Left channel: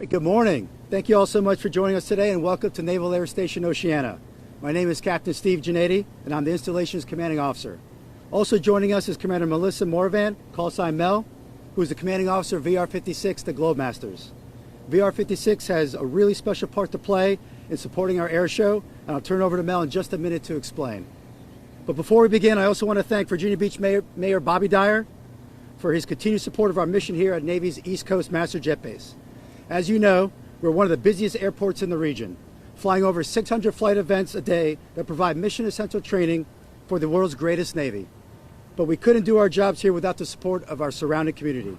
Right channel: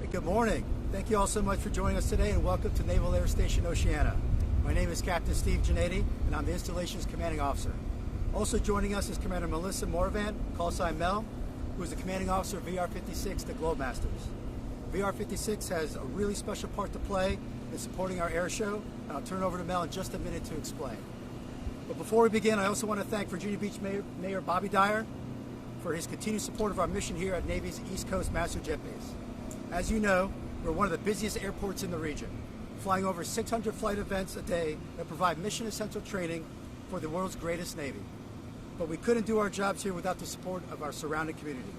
right, good morning. Thank you all so much for joining us today, and welcome to Naval Air Station Oceana. My name is Captain Steve Giannetti, and I'm the Installations Commanding Officer. Also joining us is Commander Melissa Morvan, call sign Mel, who is the Commanding Officer of VR-56, the Globemasters. VR-56 has a really special part to play in supporting our air show, and I'll turn over to Mel in just a minute to explain. But before we begin, I also want to thank Virginia Beach Mayor Bobby Dyer for his continued support of our mission here at Navy's East Coast Master Jet Base. As you know, we're one of the busiest airports in the region, flying over 600 flight events a day that provide mission-essential training for the world's greatest Navy. But we couldn't do our jobs here without the support of our surrounding community.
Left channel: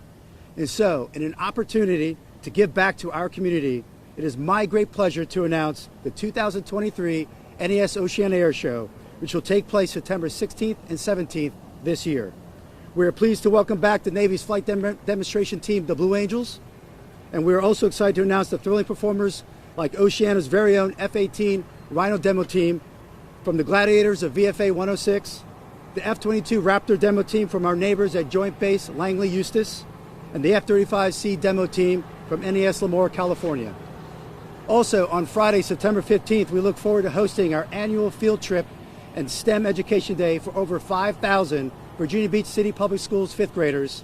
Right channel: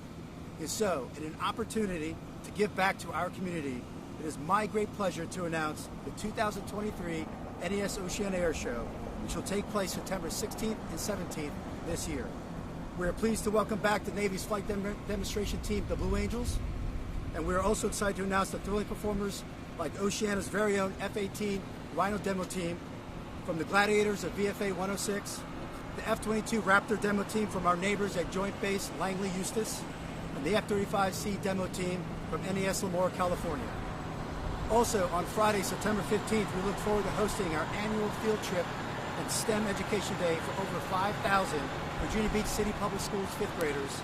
And so, in an opportunity to give back to our community, it is my great pleasure to announce the 2023 NAS Oceana Air Show, which will take place September 16th and 17th this year. We are pleased to welcome back the Navy's flight demonstration team, the Blue Angels, and we are also excited to announce the thrilling performers like Oceana's very own F-18 Rhino demo team from the Gladiators of VFA 106, the F-22 Raptor demo team from our neighbors at Joint Base Langley Eustis, and the F-35C demo team from NAS Lemoore, California. Also, on Friday, September 15th, we look forward to hosting our annual field trip and STEM Education Day for over 5,000 Virginia Beach City Public Schools fifth graders.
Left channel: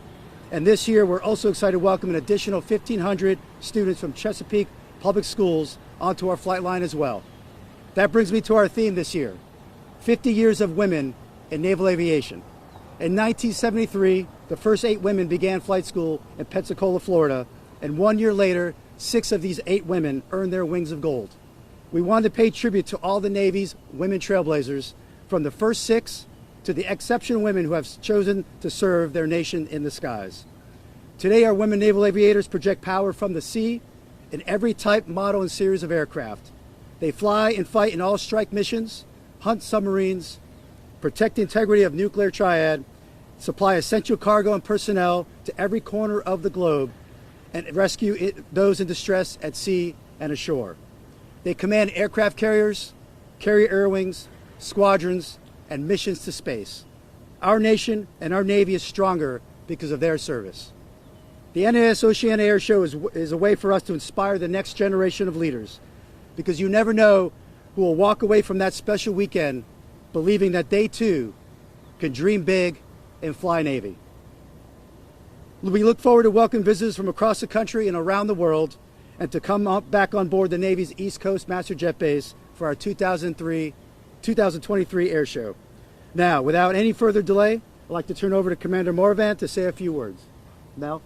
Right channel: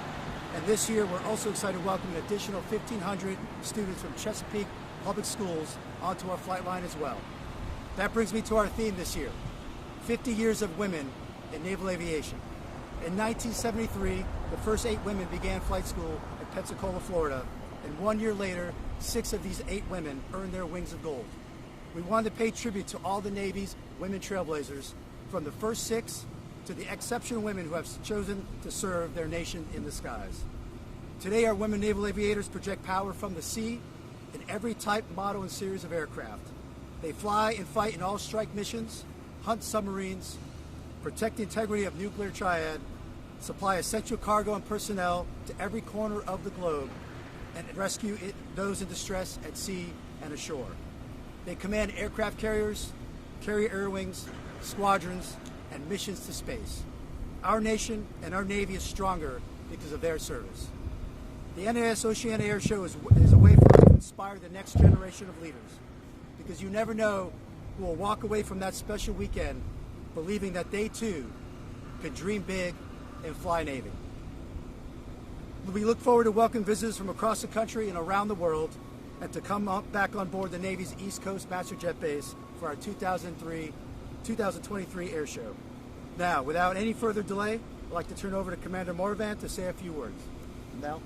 And this year, we're also excited to welcome an additional 1,500 students from Chesapeake Public Schools onto our flight line as well. That brings me to our theme this year, 50 years of women in naval aviation. In 1973, the first 8 women began flight school in Pensacola, Florida, and 1 year later, 6 of these 8 women earned their wings of gold. We wanted to pay tribute to all the Navy's women trailblazers, from the first 6 to the exceptional women who have chosen to serve their nation in the skies. Today, our women naval aviators project power from the sea in every type, model, and series of aircraft. They fly and fight in all strike missions, hunt submarines, protect the integrity of nuclear triad, supply essential cargo and personnel to every corner of the globe, and rescue those in distress at sea and ashore. They command aircraft carriers, carrier air wings, squadrons, and missions to space. Our nation and our Navy is stronger because of their service. The NAS Oceana Air Show is a way for us to inspire the next generation of leaders, because you never know who will walk away from that special weekend believing that they too can dream big and fly Navy. We look forward to welcoming visitors from across the country and around the world, and to come back on board the Navy's East Coast Master Jet Base for our 2023 Air Show. Now, without any further delay, I'd like to turn over to Commander Morvan to say a few words. Mel?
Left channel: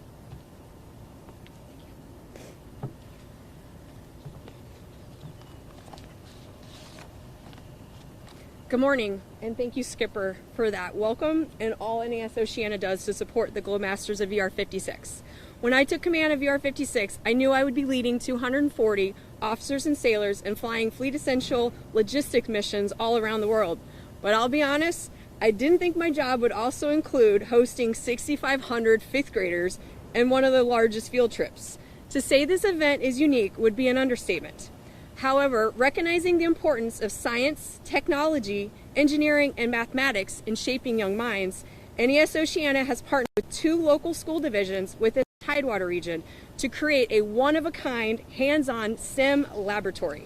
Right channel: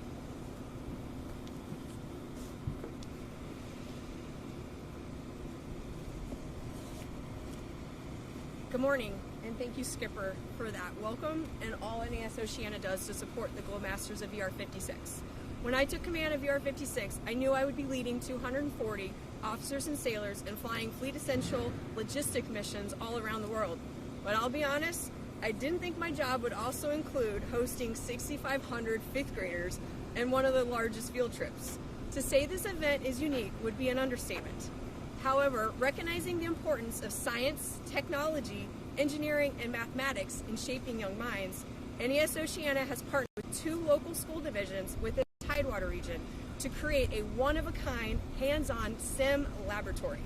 Good morning, and thank you, Skipper, for that welcome and all NAS Oceana does to support the Globemasters of VR-56. When I took command of VR-56, I knew I would be leading 240 officers and sailors and flying fleet essential logistic missions all around the world. But I'll be honest, I didn't think my job would also include hosting 6,500 fifth graders and one of the largest field trips. To say this event is unique would be an understatement. However, recognizing the importance of science, technology, engineering, and mathematics in shaping young minds, NAS Oceana has partnered with 2 local school divisions within the Tidewater region to create a one-of-a-kind, hands-on STEM laboratory.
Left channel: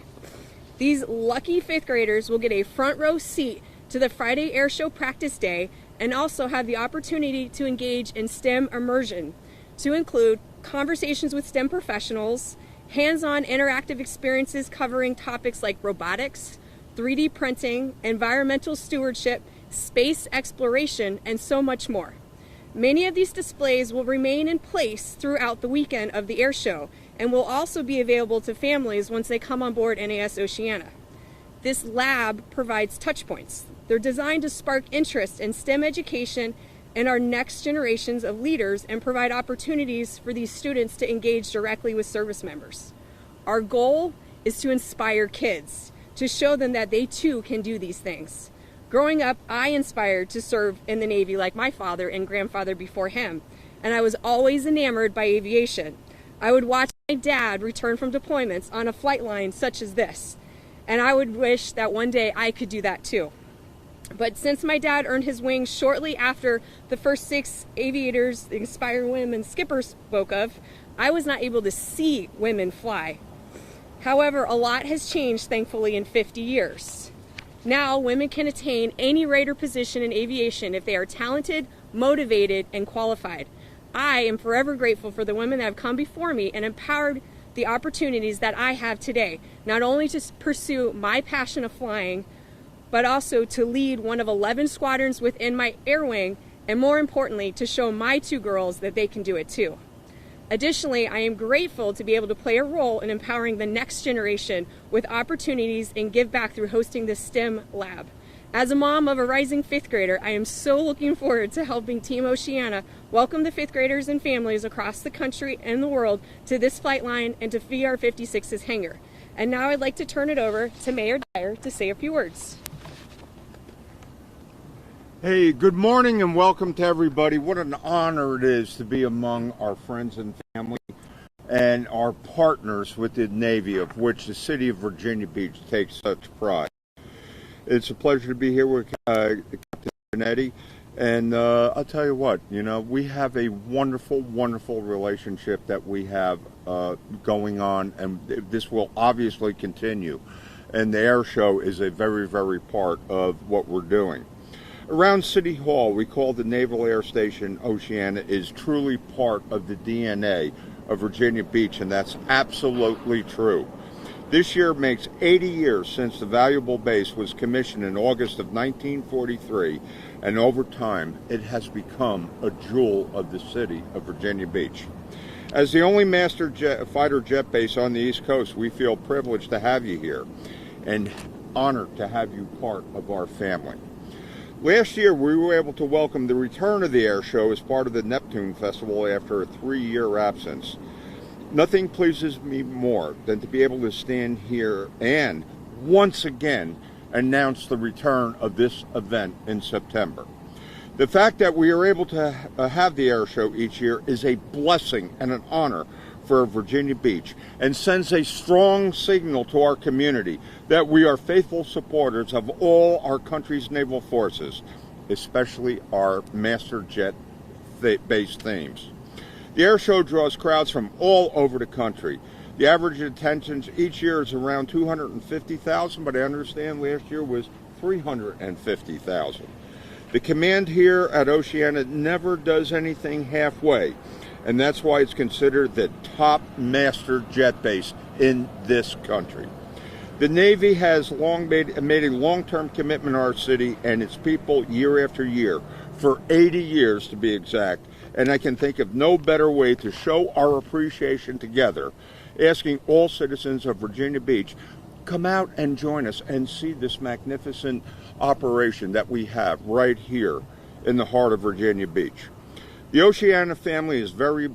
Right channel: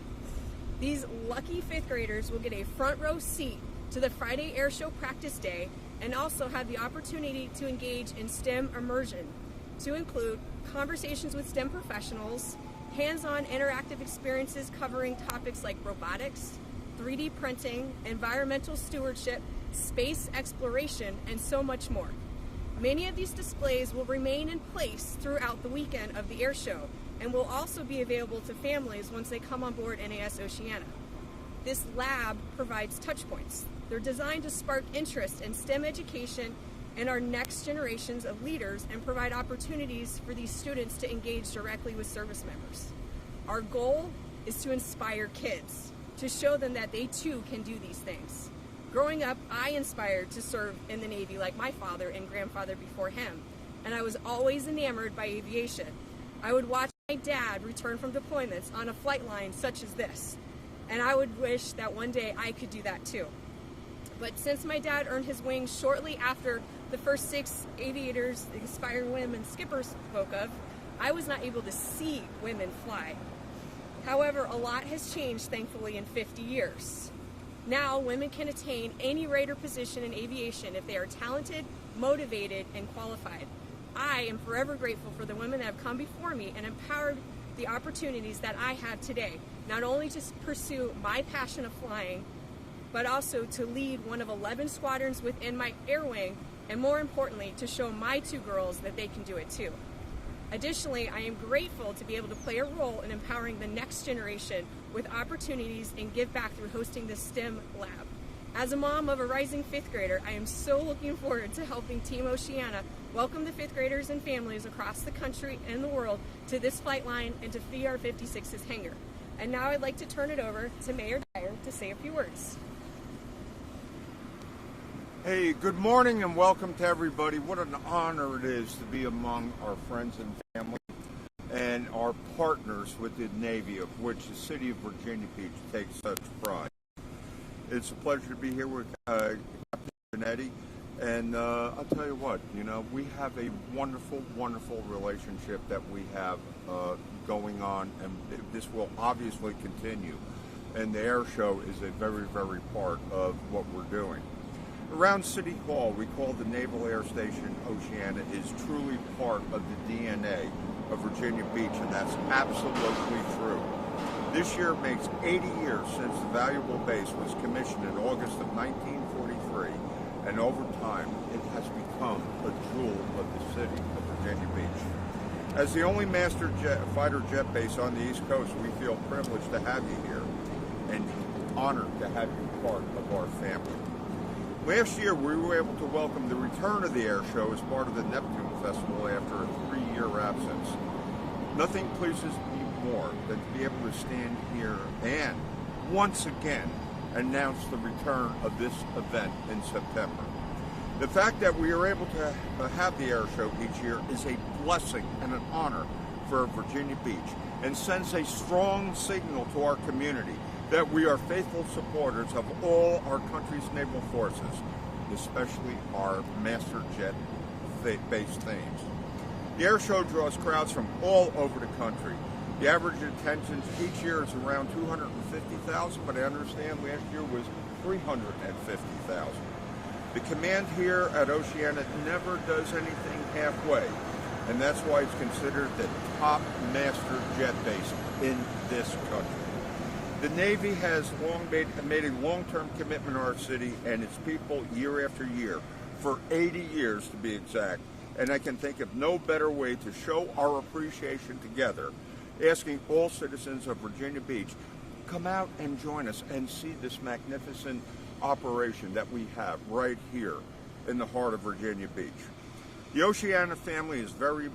These lucky fifth graders will get a front row seat to the Friday Air Show practice day and also have the opportunity to engage in STEM immersion, to include conversations with STEM professionals, hands-on interactive experiences covering topics like robotics, 3D printing, environmental stewardship, space exploration, and so much more. Many of these displays will remain in place throughout the weekend of the air show and will also be available to families once they come on board NAS Oceana. This lab provides touch points. They're designed to spark interest in STEM education and our next generations of leaders and provide opportunities for these students to engage directly with service members. Our goal is to inspire kids, to show them that they too can do these things. Growing up, I inspired to serve in the Navy like my father and grandfather before him, and I was always enamored by aviation. I would watch my dad return from deployments on a flight line such as this, and I would wish that one day I could do that too. But since my dad earned his wings shortly after the first 6 aviators, the inspiring women Skipper spoke of, I was not able to see women fly. However, a lot has changed, thankfully, in 50 years. Now, women can attain any rate or position in aviation if they are talented, motivated, and qualified. I am forever grateful for the women that have come before me and empowered the opportunities that I have today, not only to pursue my passion of flying, but also to lead one of 11 squadrons within my air wing, and more importantly, to show my 2 girls that they can do it too. Additionally, I am grateful to be able to play a role in empowering the next generation with opportunities and give back through hosting this STEM lab. As a mom of a rising 5th grader, I am so looking forward to helping Team Oceana welcome the 5th graders and families across the country and the world to this flight line and to VR-56's hangar. And now I'd like to turn it over to Mayor Dyer to say a few words. Hey, good morning and welcome to everybody. What an honor it is to be among our friends and family and our partners with the Navy, of which the city of Virginia Beach takes such pride. It's a pleasure to be here with Captain Giannetti, and I'll tell you what, we have a wonderful, wonderful relationship that we have going on, and this will obviously continue. And the air show is a very, very part of what we're doing. Around City Hall, we call the Naval Air Station Oceana is truly part of the DNA of Virginia Beach, and that's absolutely true. This year makes 80 years since the valuable base was commissioned in August of 1943, and over time, it has become a jewel of the city of Virginia Beach. As the only master fighter jet base on the East Coast, we feel privileged to have you here, and honored to have you part of our family. Last year, we were able to welcome the return of the air show as part of the Neptune Festival after a 3-year absence. Nothing pleases me more than to be able to stand here and, once again, announce the return of this event in September. The fact that we are able to have the air show each year is a blessing and an honor for Virginia Beach, and sends a strong signal to our community that we are faithful supporters of all our country's naval forces, especially our master jet based themes. The air show draws crowds from all over the country. The average attendance each year is around 250,000, but I understand last year was 350,000. The command here at Oceana never does anything halfway, and that's why it's considered the top master jet base in this country. The Navy has long made a long-term commitment to our city and its people year after year, for 80 years to be exact, and I can think of no better way to show our appreciation together, asking all citizens of Virginia Beach, come out and join us and see this magnificent operation that we have right here in the heart of Virginia Beach. The Oceana family is very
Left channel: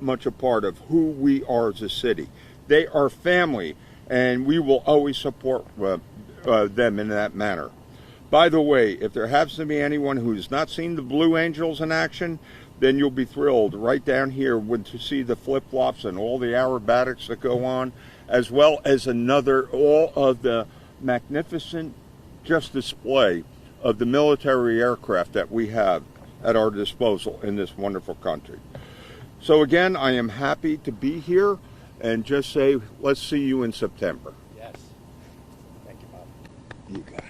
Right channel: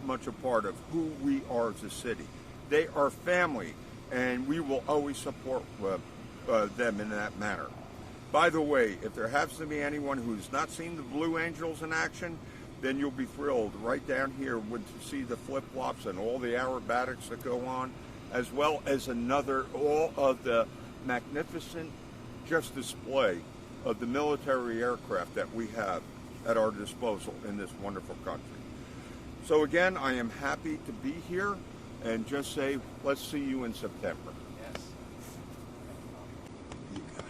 much a part of who we are as a city. They are family, and we will always support them in that manner. By the way, if there happens to be anyone who's not seen the Blue Angels in action, then you'll be thrilled right down here to see the flip-flops and all the aerobatics that go on, as well as all of the magnificent display of the military aircraft that we have at our disposal in this wonderful country. So again, I am happy to be here, and just say, let's see you in September. Yes. Thank you, Bob. You got it.